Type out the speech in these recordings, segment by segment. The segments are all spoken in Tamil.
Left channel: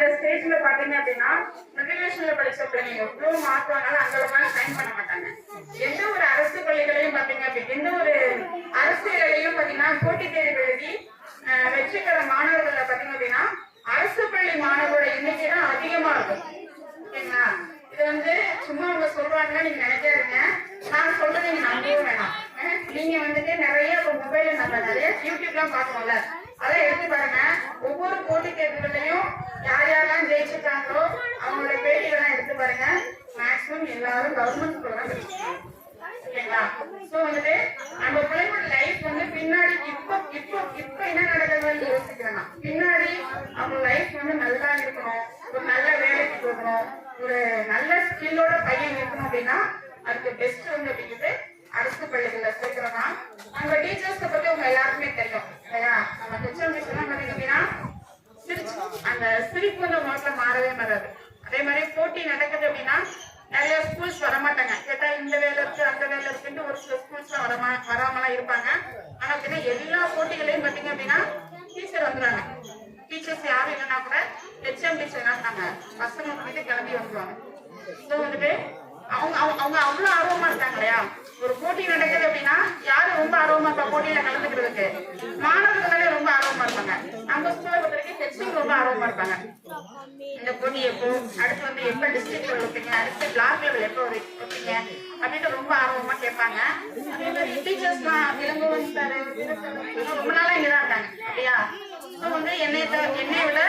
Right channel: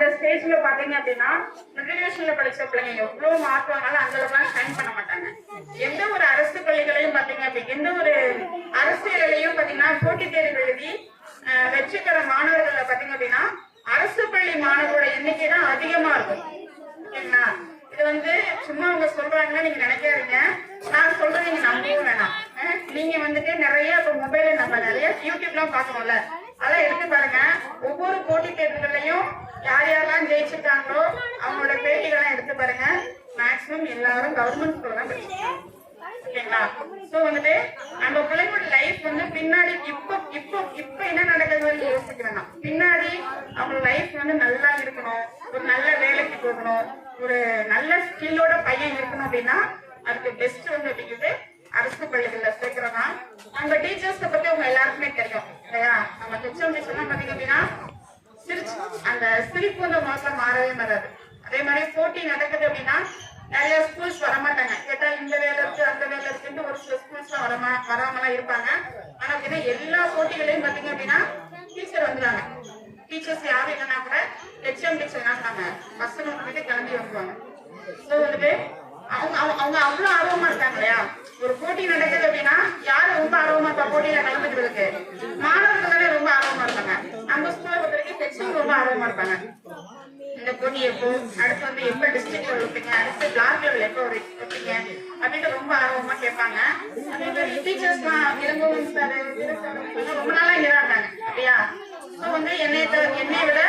அந்த ஸ்டேஜ்ல பாத்தீங்க அப்படின்னா மெட்ரிகுலேஷன்ல படிச்ச பிள்ளைங்க எவ்வளவு மார்க் வாங்கினாலும் அந்த அளவுக்கு சைன் பண்ண மாட்டாங்க. எந்த ஒரு அரசு பள்ளிகளையும் பாத்தீங்க அப்படின்னா எந்த ஒரு அரசியலையும் பாத்தீங்கன்னா போட்டித் தேர்வு எழுதி வெற்றி பெற மாணவர்கள் பாத்தீங்க அப்படின்னா அரசு பள்ளி மாணவரோட எண்ணிக்கை தான் அதிகமா இருக்கும். ஓகேங்களா? இது வந்து சும்மா அவங்க சொல்றாங்கன்னு நீங்க நினைக்காதீங்க. நான் சொல்றது நீங்க நம்பவும் வேணாம். நீங்க வந்துட்டு நிறைய இப்ப மொபைல்ல நம்ம நிறைய யூடியூப்லாம் பாக்குறோம்ல, அதெல்லாம் எடுத்து பாருங்க. ஒவ்வொரு போட்டித் தேர்வுகளையும் யார் யாரெல்லாம் ஜெயிச்சிருக்காங்களோ அவங்களோட பேட்டிகள்லாம் எடுத்து பாருங்க. மேக்சிமம் எல்லாரும் கவர்மெண்ட் ஸ்கூல் தான் படிச்சிருக்காங்க. ஓகேங்களா? சோ வந்துட்டு நம்ம பிள்ளைங்களோட லைஃப் வந்து பின்னாடி இப்ப என்ன நடக்குதுன்னு யோசிக்க வேணாம். பின்னாடி அவங்க லைஃப் வந்து நல்லா இருக்கணும், ஒரு நல்ல வேலைக்கு போகணும், ஒரு நல்ல ஸ்கில்லோட பையன் இருக்கணும் அப்படின்னா அதுக்கு பெஸ்ட் வந்து அப்படிங்கிறது அரசு பள்ளிகள்ல சேர்க்கிறோம்னா அங்க டீச்சர்ஸ் பத்தி உங்க எல்லாருக்குமே தெரியும் இல்லையா? நம்ம ஹெச்எம் டீச்சர் பாத்தீங்க அப்படின்னா அந்த சிரிப்பு வந்து உங்களுக்கு மாறவே மாறாது. அதே மாதிரி போட்டி நடக்குது அப்படின்னா நிறைய ஸ்கூல்ஸ் வரமாட்டாங்க. கேட்டா இந்த வேலை இருக்கு அந்த வேலை இருக்குன்னு ஒரு சில ஸ்கூல்ஸ் வராமலாம் இருப்பாங்க. ஆனா அப்படின்னா எல்லா போட்டிகளையும் பாத்தீங்க அப்படின்னா டீச்சர் வந்துடுறாங்க. டீச்சர்ஸ் யாரும் இல்லைன்னா கூட ஹெச்எம் டீச்சர் என்ன பண்ணாங்க பசங்க வந்துட்டு கிளம்பி வந்துருவாங்க. ஸோ வந்துட்டு அவங்க அவங்க அவ்வளவு ஆர்வமா இருக்காங்க இல்லையா? ஒரு போட்டி நடக்குது அப்படின்னா யாரு ரொம்ப ஆர்வமா இருப்பா போட்டியில கலந்துக்கிறதுக்கு? மாணவர்களே ரொம்ப ஆர்வமா இருப்பாங்க. நம்ம ஸ்கூலை பொறுத்த வரைக்கும் ஹெச்எம் ரொம்ப ஆர்வமா இருப்பாங்க. இந்த போட்டி எப்போ, அடுத்து வந்து எப்ப டிஸ்ட்ரிக்ட் லெவல் வைப்பீங்க, அடுத்து பிளாக் லெவல் எப்போ வைப்பீங்க அப்படின்ட்டு ரொம்ப ஆர்வமா கேட்பாங்க. அதே மாதிரி டீச்சர்ஸ்லாம் இளங்கோவன் சார் ரொம்ப நாளா இங்கதான் இருக்காங்க அப்படியா? ஸோ வந்து என்னை விட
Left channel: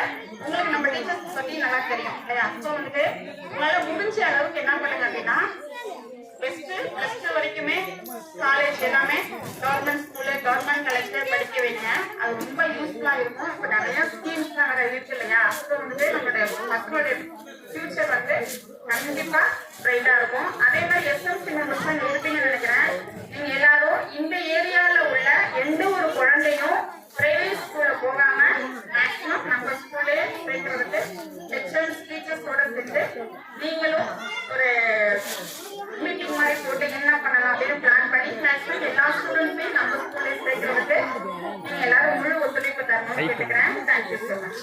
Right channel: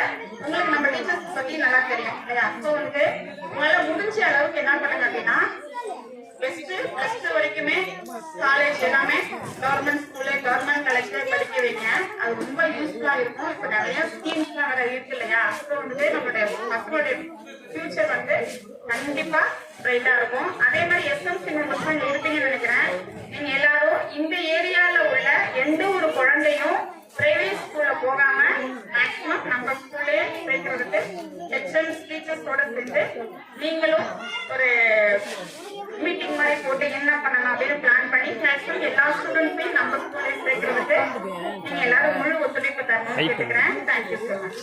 உங்களுக்கு நம்ம டீச்சர்ஸ் பத்தி நல்லா தெரியும் இல்லையா? ஸோ வந்துட்டு உங்களால முடிஞ்ச அளவுக்கு என்ன பண்ணுங்க அப்படின்னா பெஸ்ட் பிளஸ் 2 வரைக்குமே காலேஜ் எல்லாமே கவர்மெண்ட் ஸ்கூலு கவர்மெண்ட் காலேஜ்ல படிக்க வைங்க. அது ரொம்ப யூஸ்ஃபுல்லா இருக்கும். இப்போ நிறைய ஸ்கீம்ஸ்லாம் வேற இருக்கு இல்லையா? ஸோ வந்துட்டு நம்மளோட மக்களுடைய ஃபியூச்சர் வந்து கண்டிப்பா பிரைட்டா இருக்கும். அதே மாதிரி எஸ்எம்சி மெம்பர்ஸ் தான் இருக்கீங்கன்னு நினைக்கிறேன். நீங்க எல்லாரும் இந்த ஏரியால உள்ள எந்த ஒரு குழந்தையும் பிரைவேட் ஸ்கூல்ல போகாம மேக்சிமம் நம்ம ஸ்கூல்லே சேர்க்கறதுக்கு ஹெச்எம்ஸ் டீச்சர்ஸோட சேர்ந்து நீங்களும் ஒரு மீட்டிங் மாதிரி போட்டு என்ன பண்ணலாம் அப்படின்னு பிளான் பண்ணி மேக்சிமம் எல்லா ஸ்டூடெண்ட்ஸையும் நம்ம ஸ்கூல்லே சேர்க்கறதுக்கு நீங்க எல்லாரும் முழு ஒத்துழைப்பு தரணும்னு கேட்டுக்கிறேன். Thank you so much.